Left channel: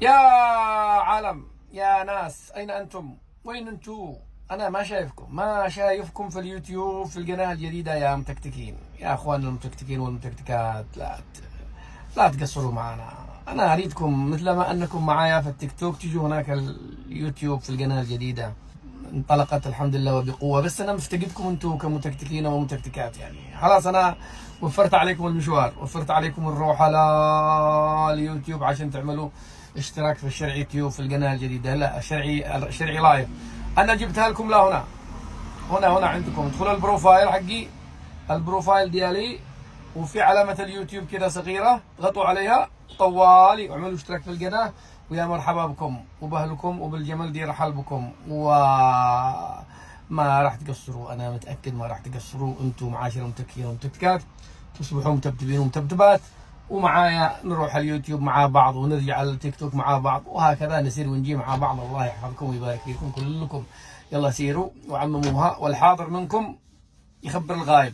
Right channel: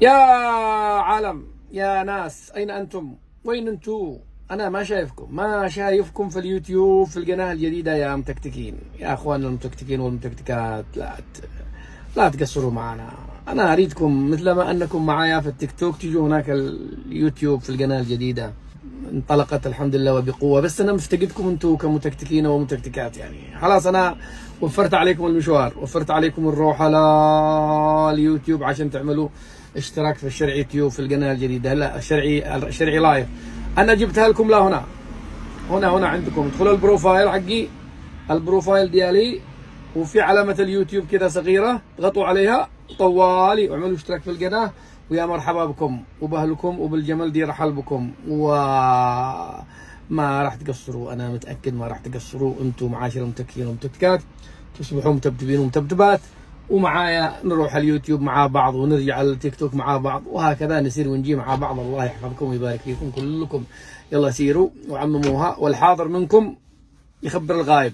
يا عالم، يا ناس، أين أنتم؟ وين أنتم؟ أنا ما شايفكم في اليوتيوب في القناة الجديدة يا متكتكين. يا أخوان المتكتكين والمتكتكات، لا تقصروا معنا. أنا أريدكم مثل ما أنكم معايا في التيك توك تيجوا هناك اليوتيوب في القناة الجديدة. انطلقت الحمد لله وبقوة، بس أنا مفتقدكم أنتم كمتكتكين ومتكتكات. يعني خلاص أنا وفرت عليكم المشوار، وفرت عليكم الروح على اليوتيوب عشان تعملوا اشتراك في الشرعي يوتيوب في القناة الجديدة. لا، الشرعي لايف أنا جبتها لكم. لا، هنا عندكم. ادخلوا البروفايل حقي، البروفايل ديالي، وفي علامة اليوتيوب كذا صغيرة، اضغطوا عليها طوالي واعملوا اشتراك في القناة. ويا مرحبا بكم وبأهلكم وبالجمل دي رحل بكم، وما راح تقصروا. أنا متأكد ما راح تقصروا. أنتم معاشر المتكين ومتكتكات تصبحوا متبتبين ومتبتبات، ومعايا نروح اليوتيوب مع بعض ونرجع التيك توك مع بعض، وهكذا نسير ونجي مع بعض. الله يحفظكم ويبارك فيكم كلكم. يلا سيروا وعمموها، والحاضر منكم يخبر الغايب.